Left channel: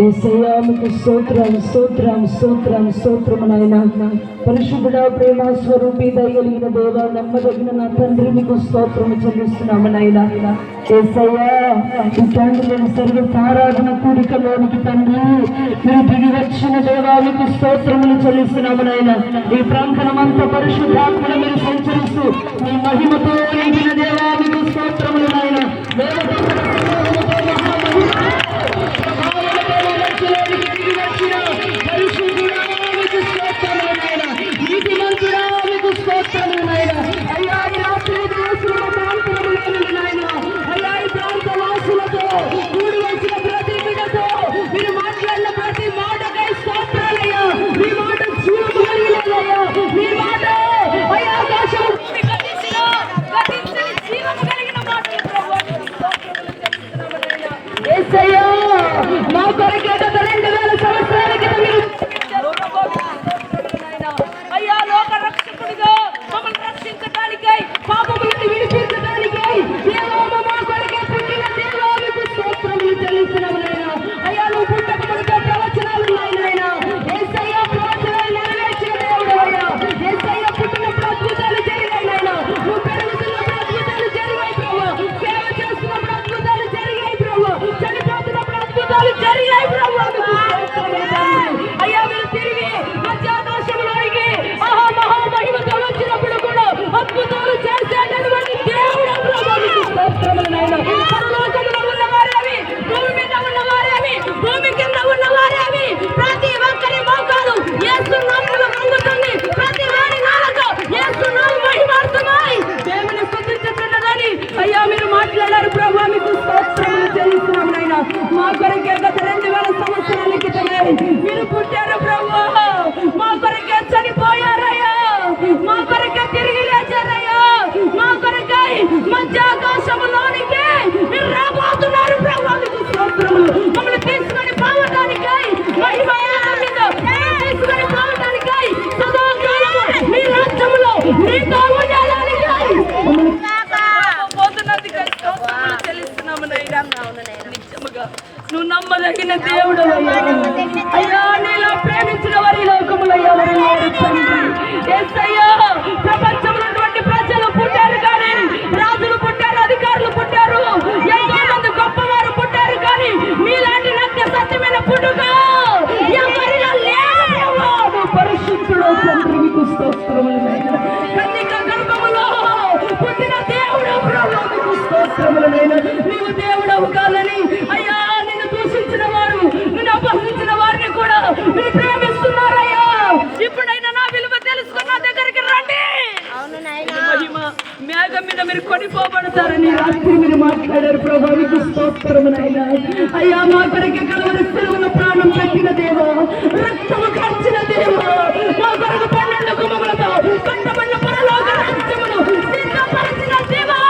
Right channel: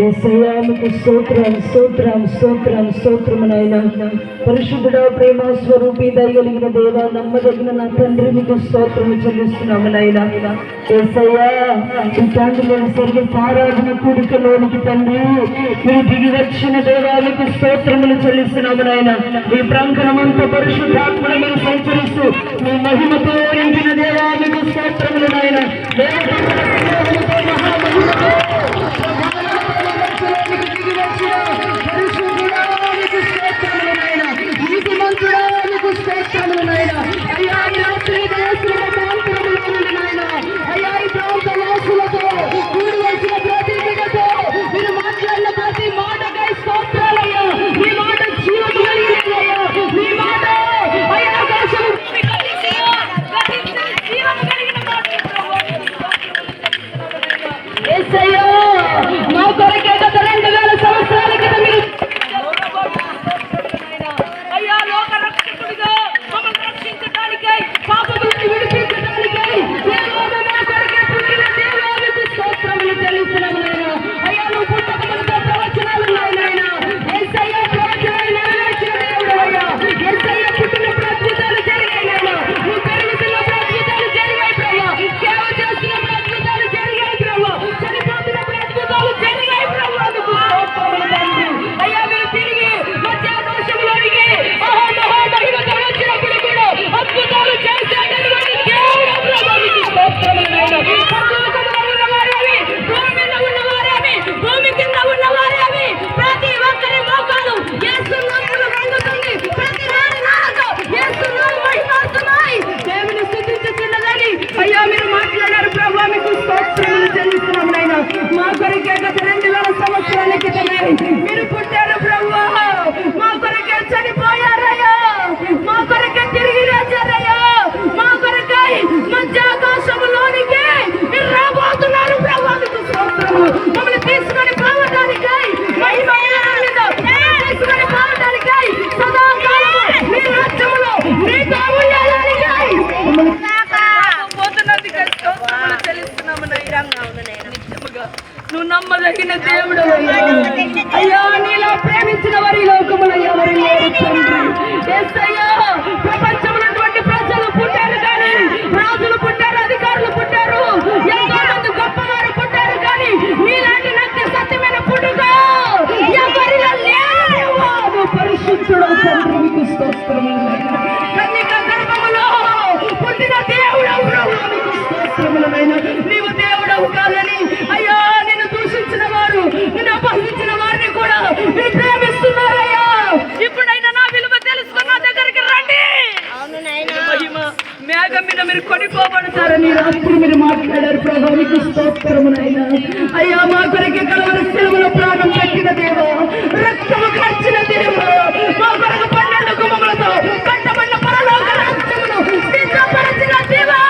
యేసయ్యా మీకు స్తోత్రమునైనా పరిశుద్ధుడా, ప్రేమ స్వరూపి, దయగలిగిన దేవ, నమ్మదగిన నా తండ్రి, మీకు స్తోత్రము చెల్లిస్తున్నామునైనా. యేసయ్యా ఈ తండ్రి నేను సరిగ్గా ఆరాధన కూడికలోనికి తండ్రి మీరు దిగి వచ్చిన దేవా, మీకు స్తోత్రములు చెల్లిస్తున్నామునైనా. ఈ ప్రాంగణమంతా పరిశుద్ధాత్మను మీరు సంచరిస్తూ మీ మహిమతో నిండిన దేవా, మీకు స్తోత్రములనైనా. మా కొరకే గత 2000 సంవత్సరాల క్రితం మీరు అయ్యా లోక రక్షకుడిగా మమ్మల్ని రక్షించడానికై, పాపముల నుండి విడిపించడానికై మా కొరకే పుట్టిన దేవానికి స్తోత్రములు చెల్లిస్తున్నాము. అయ్యా నువ్వు పుట్టకముందు ప్రవచనాలు నాయనా, యేసయ్యా ప్రవచనాలు నెరవేర్చిన దేవుడు అయ్యా. యేసయ్యా పుట్టినప్పుడు అద్భుతాలు జరిగాయి నాయనా, నువ్వు పెరుగుతున్నప్పుడు అద్భుతాలు జరిగాయి బ్రహ్మ, సేవ చేస్తున్నప్పుడు అద్భుతాలు జరిగాయి బ్రహ్మ, చనిపోతున్నప్పుడు అద్భుతాలు జరిగాయి బ్రహ్మ. అయ్యా మీరు తిరిగి మధ్యాదోషంలోనికి మహామహిమతో వచ్చినప్పుడు కూడా అద్భుతాలు చేసేటటువంటి దేవుడు బ్రహ్మ, మీకు స్తోత్రములైనా. పరలోకంలో ఉన్నవారేమి, భూమి మీద ఉన్నవారేమి, భూమి కింద ఉన్నవారేమి, ప్రతి ఒక్కరి మోకాలు యేసు నామములో వంగుతుంది, ప్రతి వారి నాలుక యేసు నామము మహిమార్థమై దేవుని స్తుతించుచున్నదని అయ్యా మీరు మాట్లాడారు ప్రభు, మీకు స్తోత్రములు చెల్లిస్తున్నాము నాయనా. మా కొరకే గత 2000 సంవత్సరాల క్రితమే మీరు పుట్టారు ప్రభు, మా కొరకే చనిపోయారయ్యా, మా కొరకే తిరిగి లేచారయ్యా, మా కొరకై మధ్యాకాశములోనికి మీరు రాబోతున్నారు ప్రభు, మీకు స్తోత్రములు. మమ్మల్ని తీసుకొని పోవడానికై, మహిమతో తీసుకొని పోవడానికై, సదాకాలము మీ రాజ్యములో మీతో ఉండడానికై పోతున్నందుకై స్తోత్రములు చెల్లిస్తున్నాము నాయనా. నిత్యముగా నువ్వు నమ్మదగిన దేవుడు అయ్యా, నీలా ప్రేమించిన వారి లోకములో ఎవరు లేరు తండ్రి. యేసయ్యా ప్రపంచంలో ప్రజలు పుట్టారు కానీ, రాజులు పుట్టారు, అధికారులు పుట్టారు, ఎంతో మంది గొప్పవారు పుట్టారు కానీ మీలాంటి నత్య సత్యమైన పుట్టుక ఎవరిలో లేరు. నువ్వు పరిశుద్ధుడు తండ్రి, మీకు స్తోత్రములైనా. కన్యక గర్భములో పుట్టిన దేవుడు ప్రభు, మీకు స్తోత్రములైనా. నీవు దేవుడవు కాదని అయ్యా నిన్ను దూషించిన వారు, నిన్ను అపహరించిన వారిని కూడా మీరు ప్రేమిస్తున్నారయ్యా. ఇప్పుడైనా నా విలువ తెలుసుకున్న నా దగ్గరికి రండి. మహిమ మేఘం మీద మీరు కొనిపోబడతారని రాత్రి మీరు మాట్లాడారు ప్రభు, మీకు స్తోత్రమునైనా. అయ్యా మా కొరకే కలవరి సెలవులో ప్రాణం పెట్టిన దేవో, రక్తము కార్చిన దేవో, మా కొరకు 12 గుమ్మములతో కట్టబడిన పరలోక రాజ్యమును సిద్ధపరచిన దేవో,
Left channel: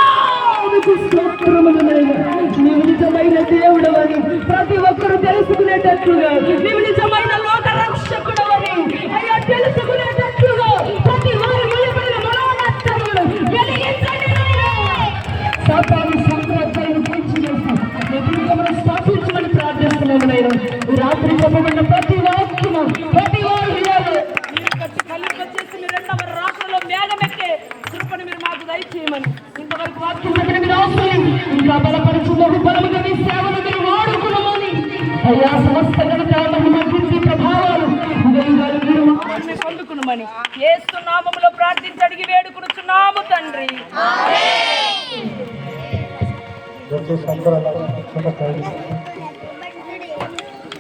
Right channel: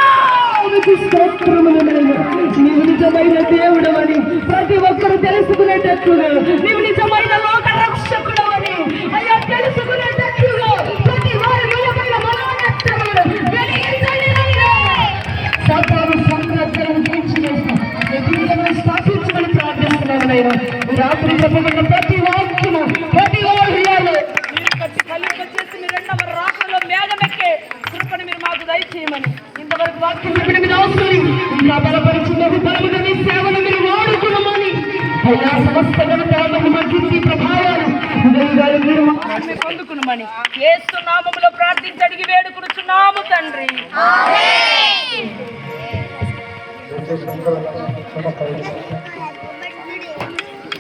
మీకు స్తోత్రములైనా. నీవు నిజమైన దేవుడవని ప్రతి ఒక్కరూ తెలుసుకునేటట్లుగా, నీవు నిజమైన లోక రక్షకుడవని అయ్యా తెలుసుకునేటట్లుగా ప్రతి వారి మూలమైన మనోనేత్రములను వెలిగించండి నాయనా. సాతాను సామ్రాజ్యాలను తీర్చివేసి నీ జీవితమును స్థాపించమని ప్రార్థిస్తున్నాము నాయనా. ఈ రాత్రి చెప్పబడిన ప్రతి వాక్యము ప్రతి హృదయాలు మీరు కట్టి కలిపొచ్చేసి మీ 2వ రాత్రిలో మేఘమెక్కే కృపను మీరు మాకు దయచేయమని ఇంతవరకు వాక్యం చెప్పిన మీరు అవసరం ఇంకా బలపరుచున్నది బలముగా మీ సేవను మీరు వాడుకున్నామని అయ్యా సమస్త గణితాలను మా కీర్తి ప్రభావాలు మీరు పొందుకున్నామని యేసు నామములో ప్రార్థించి అడిగి వేడుకొనుచున్నాము తండ్రి. ఆమేన్.